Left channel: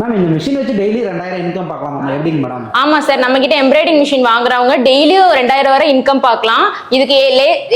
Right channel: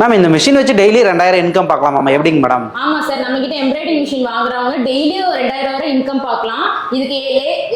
Ma'am இந்த machine வச்சு daily 2000 income பார்க்கலாமா எப்படிங்க மேடம்? ஆமா சார், நம்ம கிட்ட எம்ப்ராய்டிங் மிஷின் வாங்குறவங்க டெய்லியும் 2000 வரை இன்கம் பார்க்கலாம். இதுக்கு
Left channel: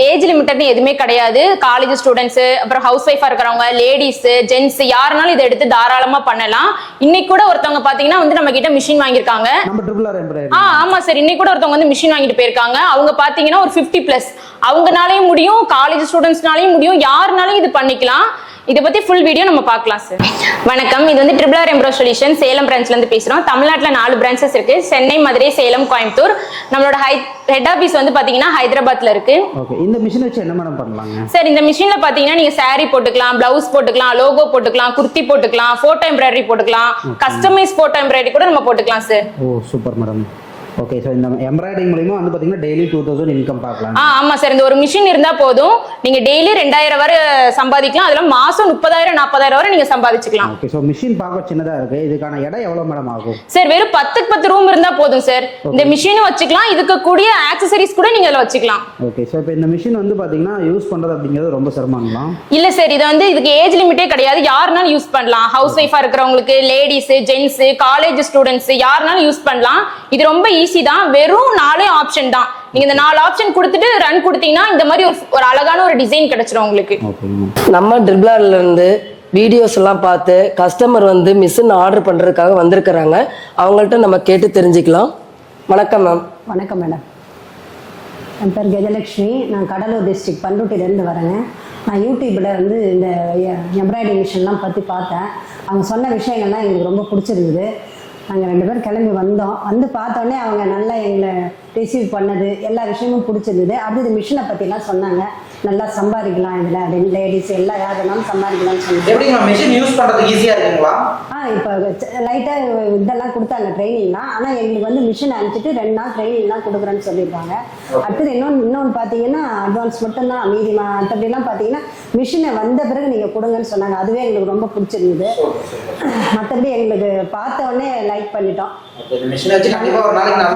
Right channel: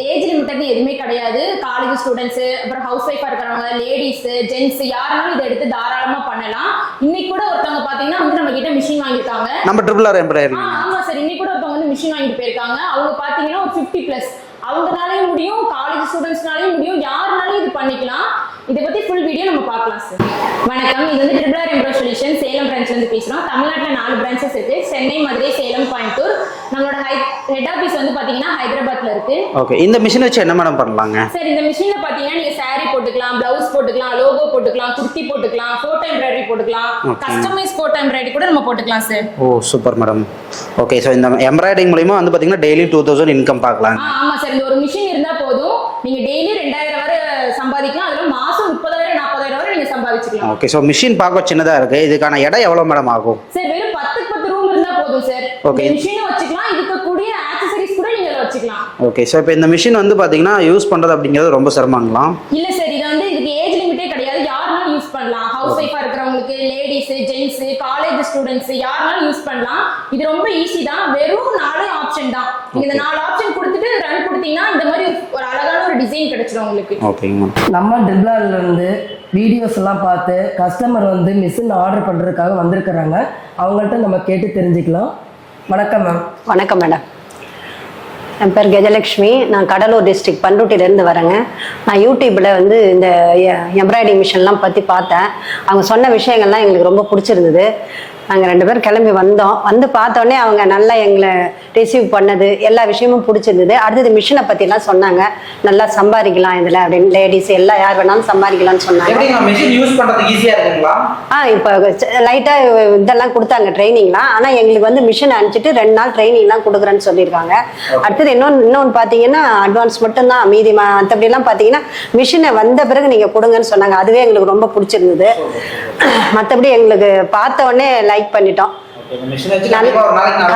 ஏஜ் லிமிட்னு எதுவுமே கிடையாது. காலேஜ் ஸ்டூடெண்ட்ஸ், அப்புறம் ஹவுஸ் ஒய்ஃபா இருக்கிறவங்க, லேடிஸ், ஜென்ட்ஸ் யாருனாலும் இதை எடுத்து தாராளமா பண்ணலாம். இன்னைக்கு கூட ஒருத்தவங்க பாத்தீங்கன்னா வந்து நம்ம கிட்ட மிஷின் வாங்கியிருக்காங்க. நம்ம ட்ரிபிள் ஆர் எம்ப்ராய்டரி. ஆமா சார், இன்னைக்கு கூட ஒருத்தவங்க வந்து மிஷின் வாங்கிட்டு போயிருக்காங்க. அவங்க பாத்தீங்கன்னா ஒரு 50+. அவங்கனாலையும் முடியும், காலேஜ் ஸ்டூடெண்ட்ஸ்னாலையும் முடியும், யாருனாலும் இது பண்ணிக்கலாம். இதை பத்தி ஃபுல் வீடியோ நம்ம பார்க்கலாம் சார். வணக்கம், இது வந்து ட்ரிபிள் ஆர் எம்ப்ரோ சொல்யூஷன் சேலம் பிரான்ச்ல இருந்து பேசுறோம். தமிழ்நாட்டுல 4 பிரான்ச்சஸ் இருக்கு. சென்னை, மதுரை, சேலம், கோயம்புத்தூர். நம்மளோட ஹெட் ஆபீஸ் வந்து பாத்தீங்கன்னா ஹைதராபாத்ல இருக்கு. ஓகே, இந்த மிஷின் வச்சு என்ன மேடம் பண்ணலாங்க? சார், இந்த மிஷின்ல பாத்தீங்கன்னா நீங்க saree போட்டுக்கலாம், பிளவுஸ் போட்டுக்கலாம், லோகோ போட்டுக்கலாம், குர்த்தி போட்டுக்கலாம், போட்டோ எம்ப்ராய்டரி போட்டுக்கலாம், கஸ்டமைஸ் போட்டோ எம்ப்ராய்டரி கூட நம்ம போட்டுக்கலாம் சார். ஓ சூப்பர் மேடம். ஓகே, சோ இந்த எம்ப்ராய்டரிங் மூலமா வந்து பாத்தீங்கன்னா டெய்லி 2000 இன்கம் பார்க்கலாம். ஆமா சார், இந்த ஒரு மிஷின் இருந்தா போதும், நீங்க டெய்லி 2000 வரை சம்பாதிக்கலாம். அதுல மாசம் 30,000 40,000 வரை நீங்க சம்பாதிச்சுக்கலாம். ஓகே, சோ மிஷின் பார்க்க சின்னதா இருக்கு. இதுக்கான எடை எவ்வளவு மேடம் ஆகும்? சார், வெறும் 10க்கு 10 ரூம் இருந்தா போதும் சார். இந்த மிஷினும் வச்சுக்கலாம், இதுக்கு கூடிய ஆக்சசரிஸ் கூட நீங்க இதுல வச்சுக்கலாம். ஓகே, சோ இப்போ இந்த மிஷின் வந்து பாத்தீங்கன்னா யூஸ் பண்றது அப்படிங்கிறது ரொம்ப சிரமங்களா? இல்ல சார், இது வந்து இதுக்கு ஏஜ் லிமிட்டே கிடையாது. யாருனாலும் யூஸ் பண்ணலாம். ஹவுஸ் ஒய்ஃபா இருக்கிறவங்களுக்கு, லேடிஸ், ஜென்ட்ஸ், காலேஜ் ஸ்டூடெண்ட்ஸ் யாருனாலும் யூஸ் பண்ணலாம். இது ரொம்ப ஈஸி தான். வெறும் 4 ஆப்ஷன் தான். நீங்க இந்த 4 ஆப்ஷன் கொடுத்துட்டு ரன் கொடுத்தீங்கன்னா இந்த மாதிரி ஒரு அழகான ஒரு டிசைன் கிடைச்சிரும் உங்களுக்கு. ஓகேங்க. நம்ம ட்ரிபிளார்ல இருந்து வீடியோஸ் எல்லாம் பார்த்து கஸ்டமர் வந்து மிஷின் ஆர்டர் பண்றதுக்காக வந்திருக்கிறாங்க. அவங்கள்ட்ட நம்ம கேட்டு தெரிஞ்சுக்கலாம். வணக்கம் மேம். வணக்கம் மேடம், என் பேர் கஜலட்சுமி. நான் கடலூர் டிஸ்ட்ரிக்ட் பண்ருட்டிலேருந்து வரேங்க. நான் யூடியூப்பில் வந்து இந்த எம்ப்ராய்டிங் மிஷின்லாம் பற்றி பார்த்தேன். அவங்க சொன்ன விஷயங்கள்லாம் எங்களுக்கு ரொம்ப பிடிச்சிருந்தது. நாங்கள் 2 பேரும் கிளம்பி வந்தோம். வந்து பார்த்தோன்னே அவங்க நல்லா எங்களை ரிசீவ் பண்ணது எல்லா விஷயமும் பிடிச்சிருந்தது. அடுத்தது மிஷினை பற்றிலாம் சொன்னாங்க. நல்லா சம்பாதிக்கலாம் இதில் அப்படின்னு, லேடிஸ் எல்லாம் யார் வேணாலும் சம்பாதிக்கலாம்னு சொன்னாங்க. எப்படிங்க மிஷின் யூஸ் பண்றதுக்கு ஈஸியா இருக்குங்களா? இப்போ லைட்டாக இதெல்லாம் கொடுத்தாங்க ட்ரைனிங்லாம். ஆனால் எங்களுக்கு வந்து மிஷின் அனுப்பிச்சிட்டு 2 நாள் ட்ரைனிங்லாம் கொடுக்குறேன்னு சொல்லியிருக்காங்க. அடுத்தது இன்னொன்று பார்த்தீங்கன்னா அட்வான்ஸ் மட்டும்தான், மீதி மற்றபடிலாம் பார்த்தீங்கன்னா மிஷினை வந்த பிறகு நீங்கள் கொடுங்கன்னு சொன்னாங்க. அதுவே எங்களுக்கு ரொம்ப பிடிச்சிருந்தது. மற்றபடி எங்களுக்கு பார்த்த உடனே லைக் பண்ணிட்டோம்.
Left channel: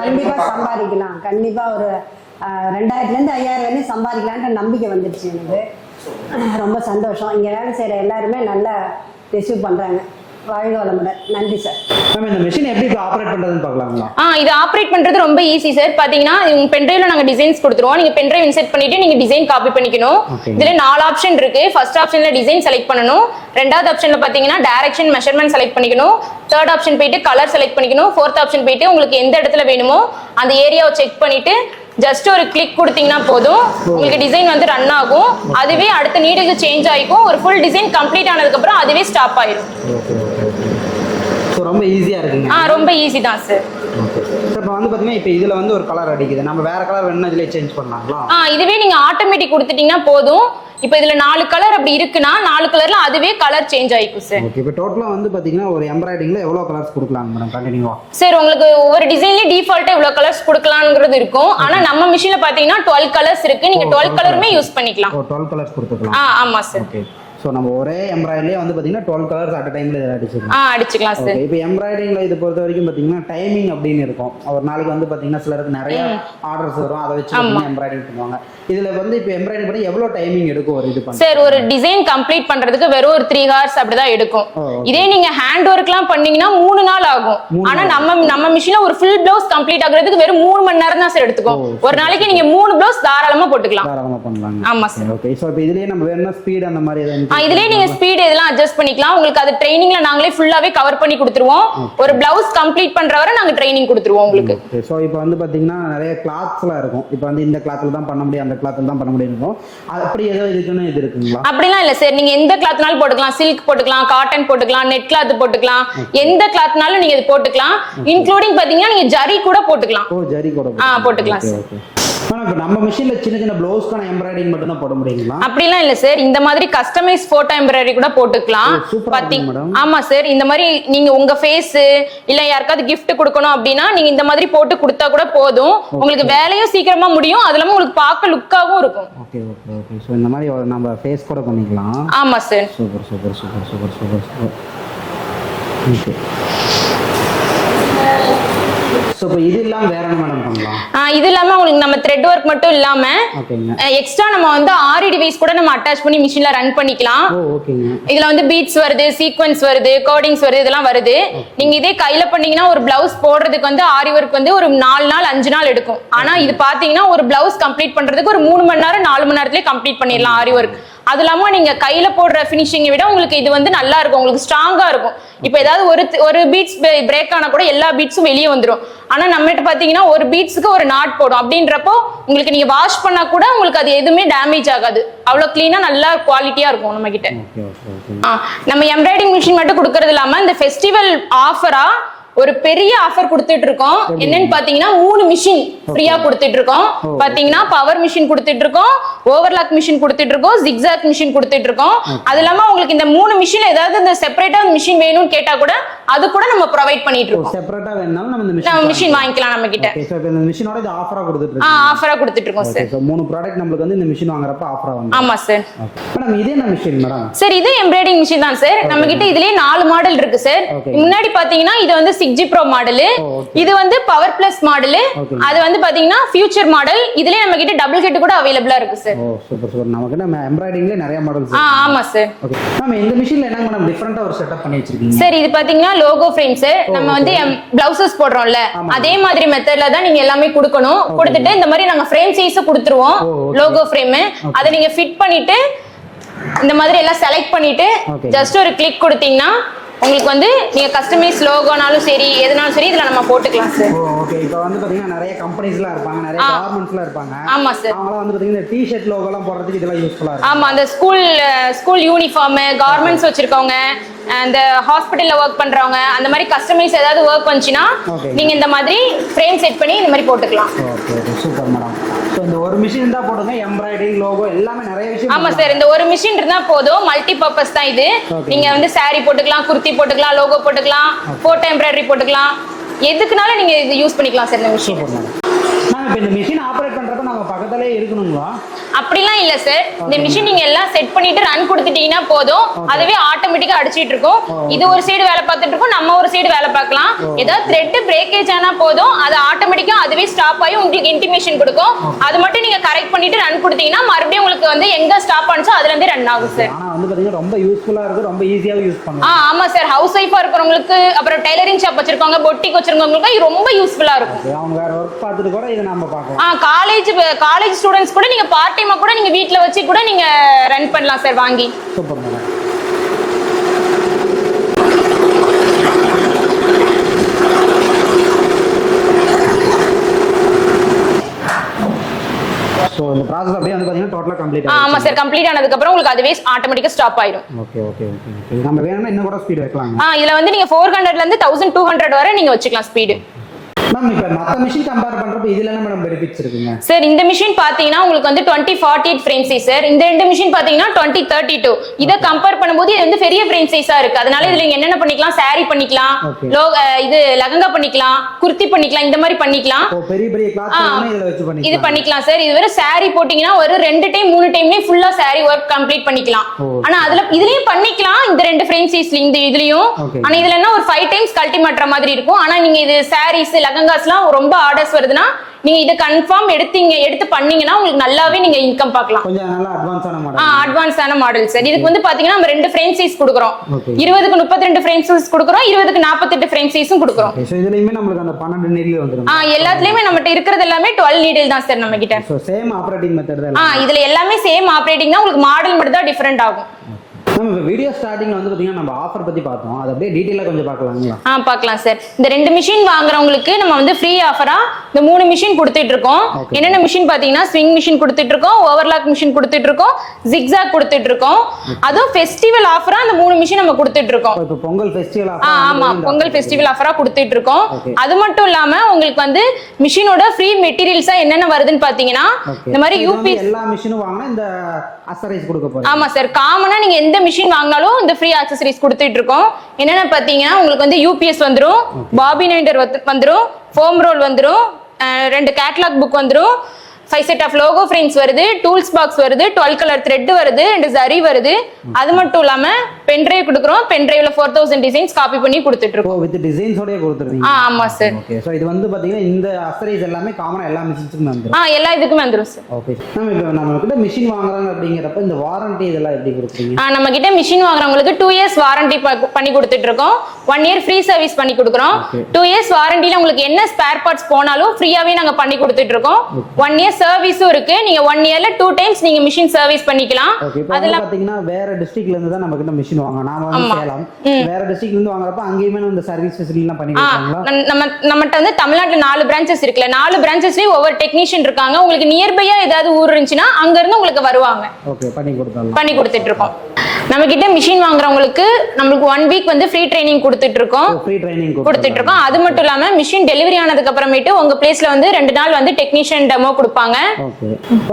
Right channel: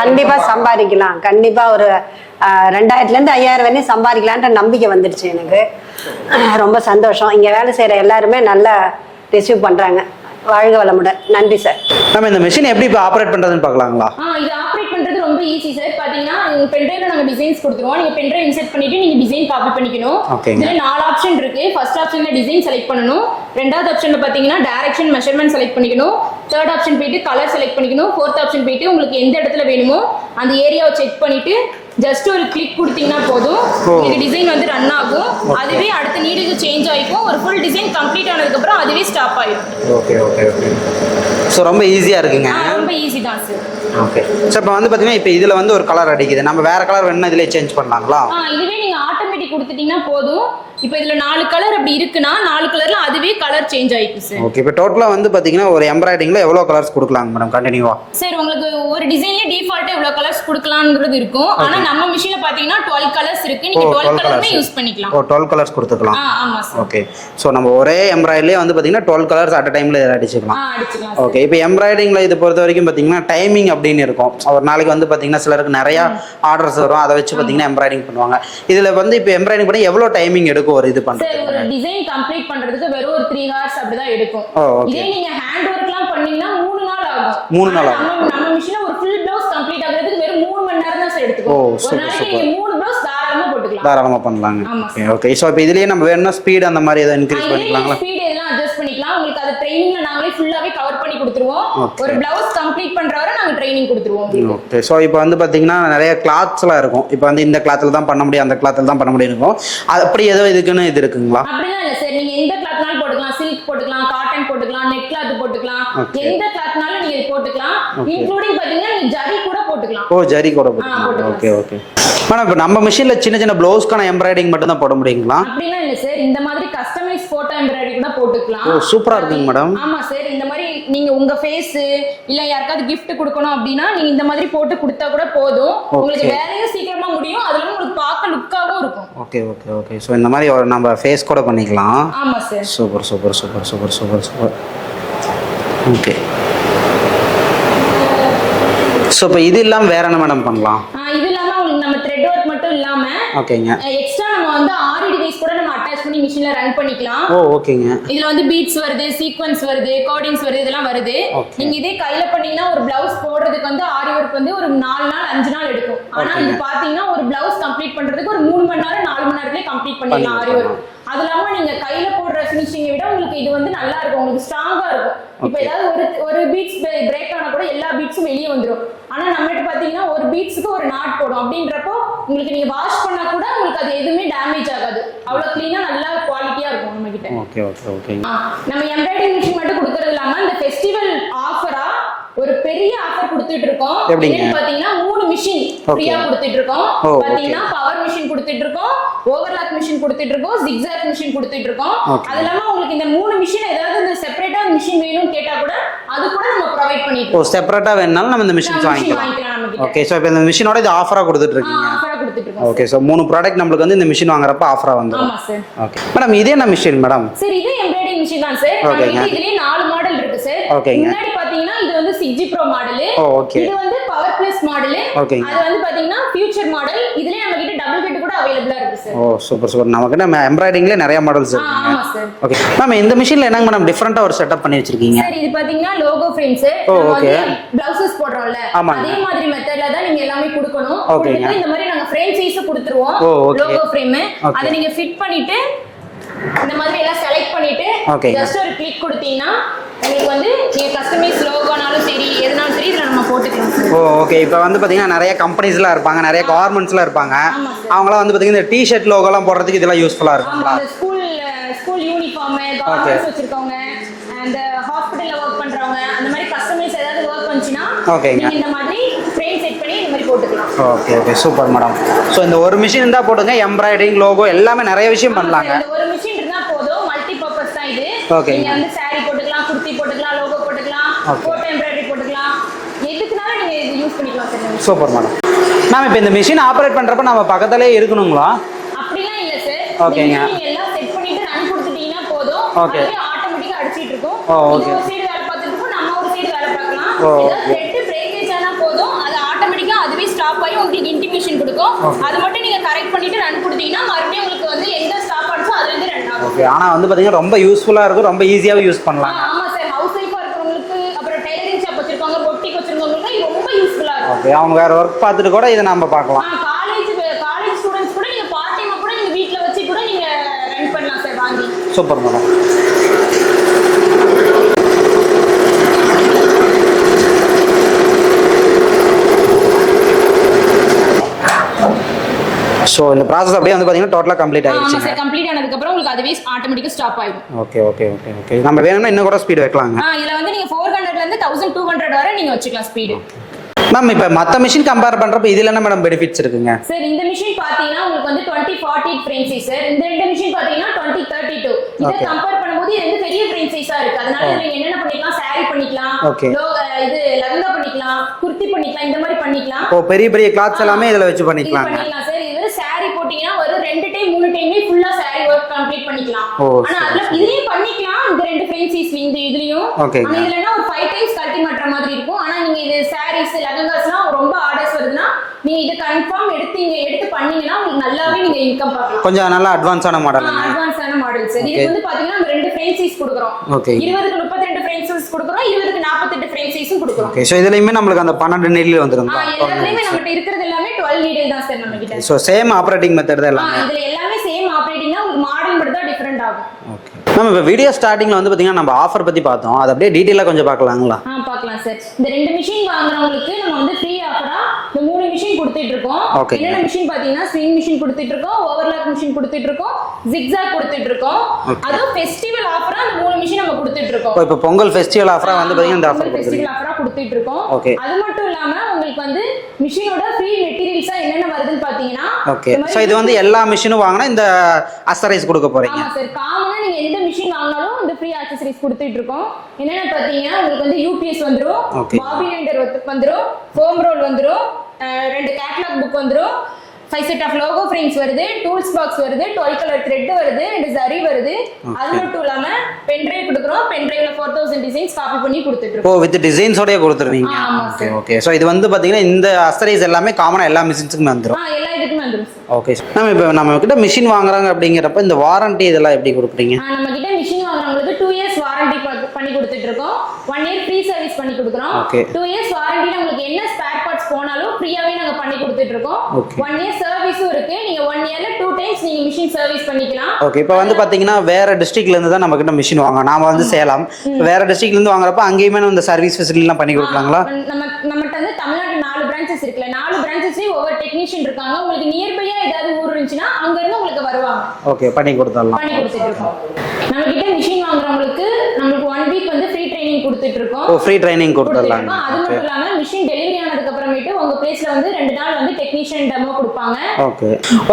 கண்டிப்பா சம்பாதிக்கலாம். கண்டிப்பா ஒரு 2000 5000 வரையும் சம்பாதிக்கலான்ற நம்பிக்கை வந்துடுச்சு எனக்கு. ரொம்ப சந்தோஷம். இங்க வேலை செய்யற எல்லாருமே நல்லா ரிசீவ் பண்றாங்க. வாழ்க வளமுடன். நன்றி சார். நம்ம இந்த மிஷின் எப்படி இப்போ ஆப்ரேட் பண்றதுன்னு பார்க்கலாங்களா? இது ஆப்ரேட் பண்றது ரொம்ப ஈஸி சார். பாத்தீங்கன்னா பென்ட்ரைவ்ல நாங்க டிசைன்ஸ் கொடுத்துருவோம். நீங்க பென்ட்ரைவ் இன்செர்ட் பண்ணிட்டு நீங்க டிசைன் காப்பி பண்ணிக்கணும். இதுல 4 ஆப்ஷன் இருக்கு. ஃபர்ஸ்ட் ஆப்ஷன்ல டிசைன் செலக்ட் பண்ணணும். ரெண்டாவது ஆப்ஷன்ல பாத்தீங்கன்னா டைரக்ஷன் மெஷர்மென்ட் செலக்ட் பண்ணிக்கணும். தேர்ட் ஆப்ஷன் போயிட்டு கலர் செலக்ட் பண்ணிக்கணும். ஃபோர்த் ஆப்ஷன் போயிட்டு உங்களுக்கு எந்த இடத்துல வேணுமோ அந்த ஏரியாவை செக் பண்ணிட்டு ஜஸ்ட் ஒரு கிளிக் கொடுத்தீங்கன்னா போதும், உங்களுக்கு டிசைன் வந்து ரன் ஆகும். அதுவே அடுத்த நீடுக்கு சேஞ்ச் ஆகிக்கும். ஒரு ஃபுல் டிசைன் கம்ப்ளீட் ஆனதுக்கு அப்புறம் அதுவே ஸ்டாப் ஆயிடும். Okay okay okay. ஸோ ரொம்ப ஈஸியாக இருக்குங்க. ரொம்ப ஈஸி தான் சார். ஓகே சார், இப்போ வந்து பார்த்தீங்கன்னா இப்போ இதில் வந்து ஒரு கலர் அடிக்குது. நம்ம வேற கலர் வேணும்னா இதிலே சேஞ்ச் பண்ணலாங்களா? இதுவே நீங்கள் ஆட்டோமேட்டிக் கொடுத்துட்டீங்கன்னா போதும். இப்போ இதுல 4 கலர் அப்படி இருக்குன்னா 4 கலர்ல அதுவே கலர் சேஞ்ச் ஆயிக்கும் சார். ஓகே, இப்போ டோட்டலா வந்து பாத்தீங்கன்னா ஒரு எம்ப்ராய்டிங்ல எவ்வளவு கலர்ஸ் கொடுக்கலாங்க மேடம் கண்டினியூவா? சார், உங்களுக்கு ஒவ்வொரு டிசைன்லயே டிஃபால்ட்டா எவ்வளவு கலர்ஸ் கொடுக்கலாம்ங்கிறது இருக்கும். ஆனா நம்ம மிஷின்ல பாத்தீங்கன்னா 12 கலர்ஸ் இருக்கு. நீங்க 12 கலருமே யூஸ் பண்ணிக்கலாம். 12 கலர்ஸ் கொடுத்துக்கலாம். ஆமா சார். ஓகே, சோ நம்ம ஒரே எம்ப்ராய்டரியிலே வந்து பாத்தீங்கன்னா 12 கலர்ஸ் அட் டைம்ல அடிச்சுக்கலாம். அடிச்சுக்கலாம் சார். ஓகே, இப்போ எம்ப்ராய்டிங்ல இது பொறுத்த வரைக்கும் பாத்தீங்கன்னா டைமிங் அப்படின்னு இருக்கும். ஒரு நாளைக்கு வந்து பாத்தீங்கன்னா சிலருக்கு நிறைய ஆர்டர்ஸ் வரும். அதை வச்சு பாத்தீங்கன்னா எம்ப்ராய்டிங் பண்ணுவாங்க. இதுல வந்து இப்போ எம்ப்ராய்டிங் பண்ணி எவ்வளவு டைமிங் எடுக்கும் ஒரு இது பண்ண? ஒரு டிசைன் கம்ப்ளீட் பண்றதுக்கு வெறும் ஒரு 3 hours அப்படிதான் எடுக்கும். இதே நீங்க ஹேண்ட் ஒர்க்லாம் பண்ணீங்கன்னா 3 நாள் ஆகும். ஆனா நம்ம மிஷின்ல ஒரு ஃபுல் ப்ளவுஸ் கம்ப்ளீட் ஆகுறதுக்கு வெறும் 3 மணி நேரம் தான் சார் எடுத்துக்கும். ஒரு நாளைக்கு நீங்க 3 ப்ளவுஸ் தாராளமா போட்டுக்கலாம். தாராளமா பண்ணலாங்க. ஆமா சார். ஓகே, சோ இப்போ இதுலயே நம்ம வேணும்னா ஸ்பீட் அந்த மாதிரி ஏதாவது இன்க்ரீஸ் இதுலயே நீங்க ஸ்பீட் இதெல்லாம் அட்ஜஸ்ட் பண்ணிக்கலாம். உங்களுக்கு அது ட்ரைனிங்ல நாங்களே ஃபுல்லாவே கவர் பண்ணி கொடுத்துருவோம். ஒரு ப்ளவுஸ் கம்ப்ளீட் பண்ற வரை நாங்க ட்ரைனிங் கொடுத்துருவோம் உங்களுக்கு. ஓகே, சோ இப்போ வந்து பாத்தீங்கன்னா நிறைய கிளாத்ஸ்லாம் இருக்கும். இப்போ வந்து இந்த கிளாத்ல தான் பண்ண முடியும், அந்த கிளாத்ல தான் பண்ண முடியும் இருக்கும். அப்படி ஏதோ இதுக்குன்னு இது இருக்குங்களா? அப்படிலாம் இல்ல சார். நீங்க எந்த கிளாத்னாலும் போட்டுக்கலாம். சில்க் போட்டுக்கலாம், காட்டன் போட்டுக்கலாம், நெட் கிளாத் போட்டுக்கலாம். எந்த கிளாத்னாலும் நீங்க இது போட்டுக்கலாம். இன்க்ளூடிங் பாத்தீங்கன்னா நீங்க ஜரி கூட போட்டுக்கலாம். ஓ, ஜரி கூட போட்டுக்கலாம். ஓகே ஓகே மேடம், இப்போ நம்ம மிஷின்ல சின்ன சின்ன ப்ளவுஸ்க்கான எம்ப்ராய்டிங் மட்டும் தான் போட முடியுங்களா? அப்படிலாம் இல்ல சார். இந்த மாதிரி கஸ்டமைஸ் போட்டோ எம்ப்ராய்டரி கூட போட்டுக்கலாம். சூப்பரா இருக்கு மேடம். ஆமா சார். இந்த மாதிரி நீங்க உங்க ஃபேஸ் இல்ல யாருக்காவது gift கொடுக்கணும் அப்படின்னா நீங்க இந்த மாதிரி போட்டு கொடுத்தா கூட போதும். உங்களுக்கு வேலையும் சீக்கிரமா முடியும். அதுலயும் உங்களுக்கு பார்க்க லுக்காவும் இருக்கும். Okay okay okay. சோ இந்த மாதிரி நம்ம ஃபேஸ் கூட பண்ணிக்கலாம். ஆமா sir. Super super super super super super. Okay, so இப்போ இது இல்லாமல் வேற என்ன மேடம் பண்ணலாம்? இது இல்லாம உங்களுக்கு நம்ம த்ரெட் ஒர்க் மட்டும் இல்லாம ஓகேங்க. எக்ஸ்ட்ரா நம்ம வந்து ஆரி டிவைஸ் கூட நம்ம அட்டாச் பண்ணி மிஷின்ல ரன் பண்ணிக்கலாம். ஓ ஓகேங்க. இதுல வந்து பீட்ஸ் வருது, சீக்வென்ஸ் வருது, கோடிங்ஸ் வருது, இதெல்லாம் வருது. நீங்க இதே கையில பண்ணீங்கன்னா ஒரு பிளவுஸ் போடுறதுக்கு வந்து ஆரி ஒர்க் வந்து ஒரு 4 நாள் 5 நாள் எடுக்கும். ஆனா இது பாத்தீங்கன்னா ஒரு பிளவுஸ் கம்ப்ளீட் பண்றதுக்கு ஒரு 3 மணி நேரம் 4 மணி நேரத்திலே கம்ப்ளீட் பண்ணிடலாம் ஆரி ஒர்க். அது இல்லாம நீங்க கையில போடுற பினிஷிங்கை விட உங்களுக்கு இது வந்து நல்லா இருக்கும், உங்களுக்கு ஸ்ட்ராங்கா இருக்கும். இப்ப ஏதாவது ஒரு பீட்ஸ் பிரேக் ஆனா கூட எல்லா பீட்ஸும் வெளியே வந்துடும். ஆனா நம்மகிட்ட பாத்தீங்கன்னா ஒரு பீட்ஸுக்கு ஒரு நாட் போடும். அப்படின்றப்போ உங்களுக்கு நீங்க வாஷ் பண்ணா கூட உங்களுக்கு அது எதுவுமே டேமேஜ் ஆகாது. அவ்வளவு கிளீனா நல்லா குவாலிட்டியா இருக்கும் நம்ம கிட்ட. Okay okay okay. நம்ம எம்ப்ராய்டிங் மிஷின் மட்டும் கொடுக்கறது இல்லாம இந்த ஃபெஸ்டிவல் ஆஃபரா ஒரு பெரிய ஆஃபர் கொடுத்துட்டு இருக்கோம். என்னன்னு பாத்தீங்கன்னா 3 மிஷின் ஃப்ரீயா கொடுத்துட்டு இருக்கோம். பாத்தீங்கன்னா பவர் மிஷின் கொடுத்துட்டு இருக்கோம், ஓவர்லாக் மிஷின் கொடுத்துட்டு இருக்கோம், ஜிக்ஸாக் மிஷின் கொடுத்துட்டு இருக்கோம். அது இல்லாம உங்களுக்கு இந்த 3 மிஷின்ல ஏதாவது இந்த செப்பரேட்டா மிஷின் வேணும்னு கேட்டா கூட அது கூட நம்ம ப்ரொவைட் பண்ணிட்டு இருக்கோம். செப்பரேட்டா வேணாலும் நம்ம இந்த மிஷின் வாங்கிக்கலாம் நம்ம கிட்ட. ஓகே. சோ இப்போ இந்த மிஷினோட இது ஆஃபரா கொடுத்துட்டு இருக்கீங்க. ஆஃபரா கொடுத்துட்டு இருக்கோம் சார். ஓகே. சோ 3 ப்ராடக்ட் நமக்கு வந்து இந்த மிஷின் வாங்குறப்ப ஆஃபரா வந்து. ஆமா சார். ஓகே மேடம், இதே என்ன மிஷின் மேடம்? சார் இது எம்ப்ராய்டிங் மிஷின் தான் சார். நம்ம கிட்ட இதுலயே 4 மாடல் இருக்கு சார். முன்னாடி பாத்தீங்கன்னா இது வந்து 6G Pro மாடல், இது வந்து பவர் பிளஸ் மாடல், அது வந்து பாத்தீங்கன்னா ஃபியூச்சர் மாடல். இதுலயே நம்ம கிட்ட டபுள் ஹெட் கூட அவேலபிளா இருக்கு சார். ஓ சூப்பர் சூப்பர். நமக்கு நம்ம எம்ப்ராய்டிங்ல நிறைய மாடல்ஸ் இருக்கு. ஆமா சார். ஓகே மேம், இந்த மிஷின்ல என்னங்க மேடம் டிஃபரண்டா ஒரு செட்டப் பண்ணி வச்சிருக்கீங்க? சார் இது பாத்தீங்கன்னா லோகோ ஃப்ரேம் சார். நம்ம வந்து பிளவுசஸ் போடுறோம்ல அதே மாதிரி மெத்தட்ல தான் நீங்க எல்லாமே கொடுக்கணும். கொடுத்துட்டு இந்த மாதிரி நாங்க ஃப்ரேம் சைஸ் கொடுத்துருவோம், லோகோ ஃப்ரேம். அதை நீங்க ஃபிட் பண்ணிட்டு இந்த மாதிரி எல்லாம் செலக்ட் பண்ணிட்டு ஜஸ்ட் ஒரு கிளிக் கொடுத்தீங்கன்னா உங்களுக்கு வந்து நீங்க கஸ்டமைஸ் லோகோனாலும் சரி எதனாலும் சரி இதுல நம்ம போட்டுக்கலாம் சார். ஓகே. இப்போ வந்து பாத்தீங்கன்னா நிறைய கம்பெனிஸ்லாம் இருப்பாங்க, நிறைய கார்மெண்ட்ஸ்லாம் இருப்பாங்க. ஆமா சார். அவங்கலாம் வந்து பாத்தீங்கன்னா இந்த டி-ஷர்ட் லோகோலாம் போடுறதுக்கு இதெல்லாம் யூஸ்ஃபுல்லா இருக்கும். ஆமா, அந்த ஸ்கூல் யூனிஃபார்ம், கார்மெண்ட்ஸ் வச்சிருக்கவங்க, அந்த ஹாஸ்பிடல்ல ஒர்க் பண்றவங்க, அந்த மாதிரி கஸ்டமைஸ் ஏதாவது ஒர்க் பண்ணுச்சுன்னா நீங்க இந்த மாதிரி ஃப்ரேம் செட் பண்ணி இந்த மாதிரி போட்டுக்கலாம். Okay okay super madam. So இந்த ஒரு மிஷின் இருந்தா போடுங்க, எம்ப்ராய்டிங் லோகோ எல்லாமே நிறைய விஷயம் பண்ணலாம். ஆமா சார், இந்த ஒரு மிஷின் இருந்தா போதும், மல்டி பர்பஸ் தான் இது. நீங்க வந்து saree போட்டுக்கலாம், குர்த்தி போட்டுக்கலாம், லோகோ போட்டுக்கலாம், போட்டோ எம்ப்ராய்டரி போட்டுக்கலாம், எதுக்குனாலும் நீங்க இது யூஸ் பண்ணிக்கலாம் சார். இந்த சூப்பர் மேடம். மேம் இப்போ இந்த மிஷின் ஆபரேட் பண்றப்ப நம்ம பக்கத்திலே இருக்கணுங்களா? அப்படிலாம் இல்ல சார். இந்த மிஷின் நீங்க எல்லாம் செட் பண்ணிட்டு ரன் கொடுத்துட்டீங்கன்னா போதும், அதுவே ஆட்டோமேட்டிக்கா அடிச்சிட்டு இருக்கும். இது ஒரு சைடு வேலை பார்த்துட்டு இருக்கும், நம்ம ஒரு சைடு வேலை பார்க்கலாம். ஏதாவது த்ரெட் பிரேக்கேஜ் ஆனா போதும், அது ஆட்டோமேட்டிக்கா அதுவே ஸ்டாப் ஆகி உங்களுக்கு இன்டிமேஷன் கொடுக்கும். அது மட்டும் நீங்க கரெக்ட் பண்ணிட்டு ரன் கொடுத்தீங்கன்னா மறுபடியும் உங்களுக்கு வந்து எங்க ஸ்டாப் ஆனச்சோ அதுல இருந்து ரன் ஆகும் சார். ஆனா வந்து பாத்தீங்கன்னா ரொம்ப யூஸ்ஃபுல்லா இருக்கும், ரொம்ப ஈஸியாவே யூஸ் பண்ணலாம். ஆமா சார், ஹவுஸ் ஒய்ஃபா இருக்கிறவங்களுக்கு, அப்புறம் டெய்லரிங் ஷாப் வச்சிருக்கவங்க, பொட்டிக் வச்சிருக்கவங்களுக்கு இது ரொம்ப யூஸ்ஃபுல்லா இருக்கும். அவங்க வேற ஒர்க் பார்த்துட்டு கூட இதை நம்ம பார்க்கலாம். காலேஜ் ஸ்டூடண்ட்ஸ் கூட நீங்க பார்ட் டைமா கூட நீங்க வீட்ல வச்சு கூட நீங்க ரன் பண்ணலாம் சார் வாங்கி. Super madam. சோ இந்த process அப்படியே வந்து பாத்தீங்கன்னா டோட்டலா கம்ப்ளீட் ஆயிடுச்சு. ஆமா சார், கம்ப்ளீட் ஆனதுக்கு அப்புறம் உங்களுக்கு அதுவே ஆட்டோமேட்டிக்கா ஸ்டாப் ஆயிடும். Okay okay okay okay. நம்ம வேணும்னா இன்னும் கூட ஸ்பீட் வைக்கலாங்க. இதுல வந்து நீங்க 400ல இருந்து 1200 வரை நீங்க வச்சுக்கலாம் ஸ்பீடு. மேம் இப்போ மற்ற மிஷின் கம்பேர் பண்றப்ப இதுல என்ன மேடம் பெனிஃபிட்ஸ் இருக்குங்க? சார் இந்த மிஷின் பாத்தீங்கன்னா உங்களுக்கு வந்து 2048 ஃப்ரேம் சைஸ் சார். இந்த ரெண்டு மிஷின் பாத்தீங்கன்னா 2032. இத கம்பேர் பண்ணும்போது இது வந்து பெரிய ஃப்ரேம் சைஸா இருக்கு. அதனால இதுல நீங்க என்னென்ன பண்ணிக்கலாம், saree பண்ணிக்கலாம், இது லெஹங்கா பண்ணிக்கலாம், குர்த்தி பண்ணிக்கலாம், இந்த மாதிரி பண்ணிக்கலாம். பெரிய பெரிய கிளாத்ஸ் எல்லாமே இதுல வச்சு பண்ணிக்கலாம். இது பண்ணிக்கலாம் சார். இது வேற saree போட்டீங்கன்னா ஒரு 2 டைம் 3 டைம்லயே ஃபுல்லா saree வொர்க் கம்ப்ளீட் பண்ணிக்கலாம். ஆனா அதுல இதுலயும் பண்ணிக்கலாம், இந்த ரெண்டு ஃப்ரேம் சைஸ்ல இந்த இதுலயும். ஆனா இதுல என்ன ஒரு 5 டைம்ஸ் கழட்டி மாட்ற மாதிரி இருக்கும். ஆனா நீங்க இது sarees லெஹங்காஸ்லாம் ரொம்ப ஆர்டர்ஸ் வருதுன்னா நீங்க இத கன்ஃபார்ம் எடுத்து பண்ணீங்கன்னா உங்களுக்கு நல்லாவே நீங்க இன்கம் பார்க்கலாம். கொஞ்சம் நல்லா அட்வான்ஸான மாடல். அட்வான்ஸான மாடல் சார். இதுக்கு வந்து பாத்தீங்கன்னா நம்ம 2 ஃப்ரேம் சைஸ் கொடுக்கிறோம். 20க்கு 32 ஃப்ரேம் சைஸ் கொடுக்கிறோம், 20க்கு 48 ஃப்ரேம் சைஸும் கொடுக்கிறோம். ஓகே. சோ இதுலயுமே நமக்கு அந்த 12 நீடில் வந்துரும். எல்லாத்துலயுமே நம்மட்ட இருக்குறது எல்லாமே 12 நீடில் தான் சார் நம்ம கிட்ட. சோ சேம் ஆபரேட்டிங் மெத்தட் தான் எல்லாம். இதுல எல்லாமே சேம் ஆபரேட்டிங் தான், உங்களுக்கு மாடல் மட்டும் தான் டிஃபரண்ட் ஆகும். ஓகே. நம்ம இப்போ வீடியோ ஸ்டார்டிங்ல வந்து பாத்தீங்கன்னா நம்ம ஆஃபர் பத்தி பார்த்தோம், அது அப்படியே டீடைலா கொஞ்சம் பார்க்கலாங்களா? பார்க்கலாம் சார். இந்த 2 மிஷின் வாங்குறவங்களுக்கு நம்ம வந்து ஃப்ரீ ஆஃபரா இந்த 3 மிஷின் கொடுத்துட்டு இருக்கோம். என்னென்ன மிஷின் பாத்தீங்கன்னா ஸ்விங் மிஷின் கொடுத்துட்டு இருக்கோம், ஓவர்லாக் மிஷின் கொடுத்துட்டு இருக்கோம், ஜிக்ஸாக் கொடுத்துட்டு இருக்கோம். அதுவும் ஃபெஸ்டிவல் ஆஃபரா அந்த 3 மிஷின் நம்ம கொடுத்துட்டு இருக்கோம். இப்போ பொங்கல் ஃபெஸ்டிவல் ஆஃபரா வந்து பொங்கல் ஃபெஸ்டிவல் ஆஃபரா கொடுத்துட்டு இருக்கோம். அது மட்டும் இல்லாம உங்களுக்கு வந்து மிஷினோட ஃப்ரீ மெட்டீரியல்ஸா என்னென்ன வருதுன்னு பாத்தீங்கன்னா இந்த மாதிரி இது வந்து எல்லா மிஷினும் வாங்குனா இந்த அக்சசரிஸ் கொடுக்க போறீங்க. ஆமா சார், காமனா நீங்க எந்த மிஷின் வாங்கினாலும் இந்த ஃப்ரீ அக்சசரிஸ் கொடுத்துட்டு இருக்கோம். என்னென்ன பாத்தீங்கன்னா உங்களுக்கு வந்து யூபிஎஸ் வந்துரும், பாபின் வைண்டர் வந்துரும், ஃபோம் ரோல் வந்துரும், 2 கேட்டலாக் புக் வந்துரும், 5 செட் ஆஃப் லோகோ ஃப்ரேம்ஸ் வருது, டூல்ஸ் பாக்ஸ் வருது, 12 கலர் த்ரெட் வருது, and ஜரி வருது. அது மட்டும் இல்லாம பென் டிரைவ் கொடுக்குறோம். பென் டிரைவ்ல 4000 டிசைன்ஸ் காப்பி பண்ணி கொடுத்துட்டு இருக்கோம். வித் டிசைன்ஸோடயே கொடுத்துருவீங்க? ஆமா சார். ஓகே. சோ இது வந்து பாத்தீங்கன்னா இந்த அக்சசரிஸ் எல்லாமே காமனா எல்லா மிஷின்ஸ்க்குமே வந்துரும்? எல்லா இதுக்குமே வந்துரும் சார். ஓகே. நம்ம கிட்ட மிஷின் வாங்குறாங்க அப்படிங்கறப்ப இந்த வாரண்டி இதெல்லாம் எப்படி கொடுக்குறீங்க? நம்ம கிட்ட மிஷின் வாங்குறவங்களுக்கு 2 இயர்ஸ் வாரண்டி பண்ணி கொடுத்துட்டு இருக்கோம். 1 இயர் ஃப்ரீ சர்வீஸ் பண்ணி கொடுக்குறோம். 2 இயர்ஸ் வாரண்டில உங்களுக்கு என்ன ஸ்பேர் பார்ட்ஸ் போனாலும் ஃப்ரீயாவே நாங்க பண்ணி கொடுத்துட்டு இருக்கோம். 1 இயர் சர்வீஸும் இருக்கு. நீங்க 1 இயர்ல 2 டைம்ஸ் நீங்க மிஷின் சர்வீஸ் பண்ணிக்கலாம். ஓகே. இப்போ வந்து பாத்தீங்கன்னா வேற டிஸ்ட்ரிக்ட்ல இருந்து தான் நம்ம கிட்ட மிஷின் வாங்குறோம். நாம வந்து சேலம், வேற டிஸ்ட்ரிக்ட்ல இருந்து வாங்குறப்ப அங்கேயுமே இந்த சர்வீஸ் ஃபெசிலிட்டி எல்லாம் பண்ணி கொடுப்பாங்களா? நம்மட்ட வந்து தமிழ்நாட்டுல 4 பிரான்ச்சஸ் இருக்குல, 4 பிரான்ச்சஸ்லயும் ஒவ்வொரு டெக்னீஷியன் இருக்காங்க. உங்களுக்கு நியர்பையா ஏதாவது ஊர் இருந்துச்சுன்னா அங்க இருந்து உங்களுக்கு வருவாங்க. ஓகே. பண்ணி கொடுத்துட்டு இருக்கோம். நம்ம கிட்ட மிஷின் வாங்குறவங்களுக்கு நம்மளுக்கு 1 வீக் வந்து ஃப்ரீ ட்ரைனிங் கொடுத்துட்டு இருக்கோம். ஃப்ரீ ட்ரைனிங் கொடுத்துட்டு இருக்கோம். அது மட்டும் இல்லாம மிஷின் டெலிவரி ஆனதுக்கு அப்புறமேட்டு உங்க பிளேஸ்ல வந்து 2 நாள் வந்து டெக்னீஷியன் டெமோ கொடுப்பாங்க.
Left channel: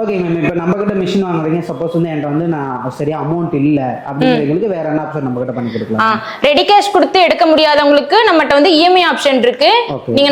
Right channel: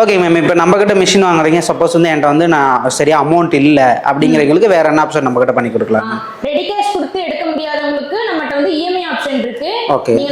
Okay ma'am. இப்போ நம்ம கிட்ட மிஷின் வாங்குறீங்க, சப்போஸ் வந்து என்கிட்ட வந்து நான் சரியா அமௌண்ட் இல்ல அப்படிங்கிறவங்களுக்கு வேற என்ன ஆப்ஷன் நம்ம கிட்ட பண்ணி கொடுக்கலாம்? ரெடி கேஷ் கொடுத்து எடுக்க முடியாதவங்களுக்கு நம்மகிட்ட வந்து இஎம்ஐ ஆப்ஷன் இருக்கு.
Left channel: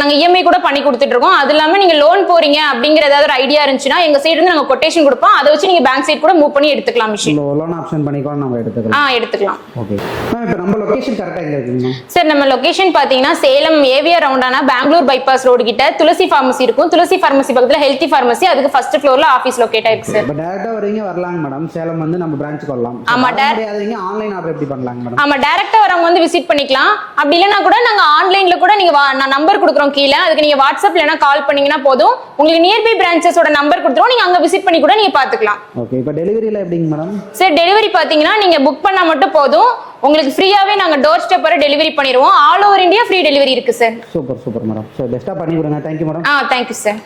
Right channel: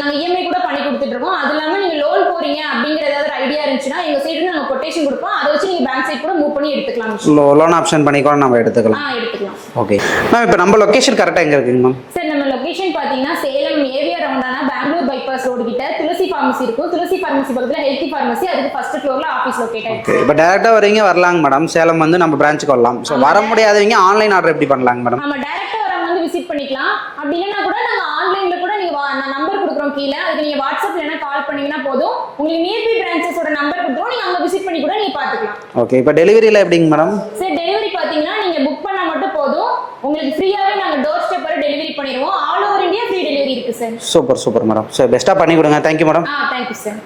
நாங்க இஎம்ஐ கூட பண்ணி கொடுத்துட்டு இருக்கோம். அது இல்லாம நீங்க லோன் போறீங்க அப்படிங்கிற ஏதாவது ஒரு ஐடியா இருந்துச்சுன்னா எங்க சைடு இருந்து நாங்க கொட்டேஷன் கொடுப்போம். அதை வச்சு நீங்க பேங்க் சைடு கூட மூவ் பண்ணி எடுத்துக்கலாம். மிஷின் லோன் ஆப்ஷன் பண்ணி கூட நம்ம எடுத்துக்கலாம். Okay ma'am. இப்போ நம்ம லொகேஷன் கரெக்ட்டா எங்க இருக்குங்க மேம்? சார் நம்ம லொகேஷன் பாத்தீங்கன்னா சேலம் ஏவிஆர் ரவுண்டானா பெங்களூர் பைபாஸ் ரோடு கிட்ட துளசி ஃபார்மசி இருக்கும். துளசி ஃபார்மசி பக்கத்துல ஹெல்தி ஃபார்மசி, அதுக்கு ஃபர்ஸ்ட் ஃப்ளோர்ல ஆபீஸ் லொகேட் ஆயிருக்கு சார். இப்போ டைரக்டா வரீங்க வரலாங்க மேடம். சேலம் வந்து நம்ம பிரான்ச்சுக்கு வரலாம். சோ வர முடியாதவங்க ஆன்லைன் ஆர்டர் எப்படி பண்ணலாங்க மேடம்? ஆமா, டைரக்டா வரவங்க வந்து விசிட் பண்ணிக்கலாம். அப்படி இல்லனா கூட நாங்க ஆன்லைன்ல கூட நீங்க நான் நம்பர் கொடுக்குறோம் கீழ, அதுக்கு நீங்க வாட்ஸ்அப் இல்லனா கால் பண்ணீங்கன்னா போதும். உங்களுக்கு நியர்பை பிரான்ச்சஸோட நம்பர் கொடுத்துறோம். நீங்க அங்க விசிட் பண்ணி கூட நீங்க பாத்துக்கலாம். ஓகே. இப்போ டெலிவரில எப்படிங்க மேடம்? சார் டெலிவரி பாத்தீங்கன்னா நீங்க புக் பண்ணா மட்டும் போதும். உங்களுக்கு ஃப்ரீயாவே நாங்க டோர் ஸ்டெப் வரை டெலிவரி பண்ணிடுவோம். All over India free delivery இருக்கு சார். Super madam. சோ பெஸ்டா பண்ணி கொடுங்க. Thank you madam. Thank you sir.